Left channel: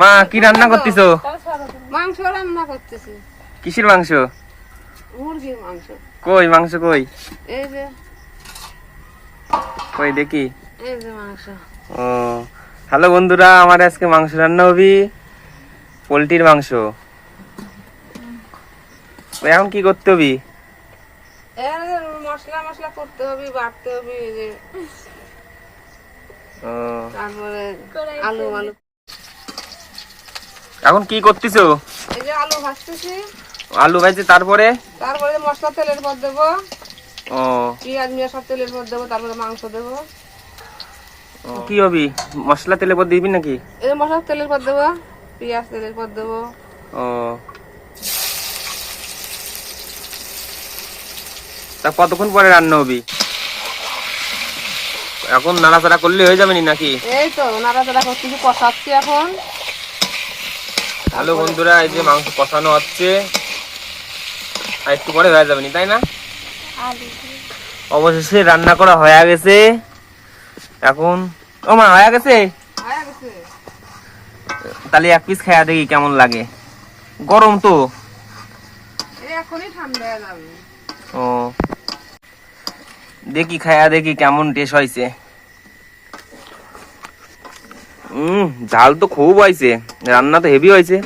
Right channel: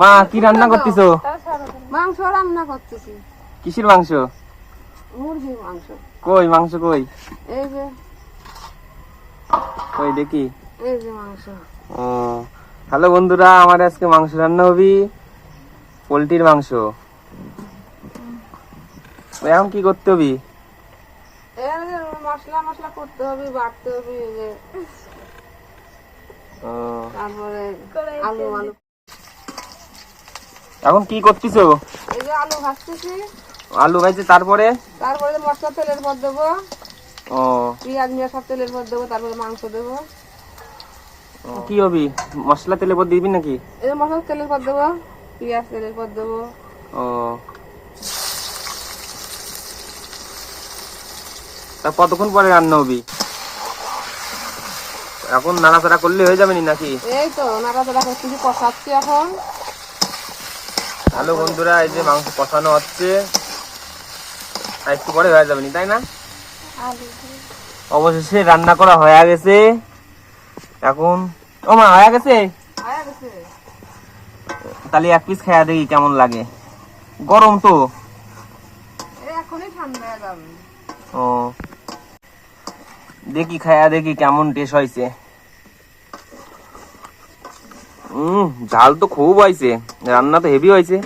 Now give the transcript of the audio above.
মা কি রান্না করতেছো? মাংস রান্না করতেছি। কিসের মাংস? মুরগির মাংস। কই মাংস কই? এই যে কই দেখি। এই যে মাংস। ও হ্যালো বন্ধুরা, আমার আজকে মাংস রান্না হবি, পোলট্রির মাংস। এখন কি করতে হবি? এর মশলা মশলা করতে হবে, বাটতে হবে, এই যে ও তারপরে আলু আলু। এখন কি করতেছো? এই যে আলু ভাজতেছি। আলু ভাজছে, তারপরে তারপরে মশলা তেলের পর দেবো, ও পেঁয়াজ নিয়ে সব তেলের পর দেবো, তারপরে মাংস দেবো। কি হবি? মশলা তেলে পর দিবি নাকি? এই যে মশলা তেলের পর দেবো, পেঁয়াজ তেলের পর দেবো। ও তা কতক্ষণ পরে রান্না হবি? এখন নাড়াচাড়া করলে হয়ে যাবে নাকি? এই তো নাড়াচাড়া করতেছি, কষাচ্ছি এখন। হ্যালো বন্ধুরা, এই যে মাংস কষানো হচ্ছে, আর একটু পরে হয়ে যাবে তাই না? অবশেষে রান্না করা হয়ে গেছে। এখন ও মা হয়ে গেছে, হয়ে গেছে। তাহলে এক পিস খাইয়া দেখি কেমন লাগে। গরম তো। এই এখনই ঠান্ডা হয়ে যাবে। ও দেখি খাইয়া দেখি কেমন টেস্ট হয়েছে। ঝাল তো খুব হয়েছে, রান্না তো হেভি হয়েছে।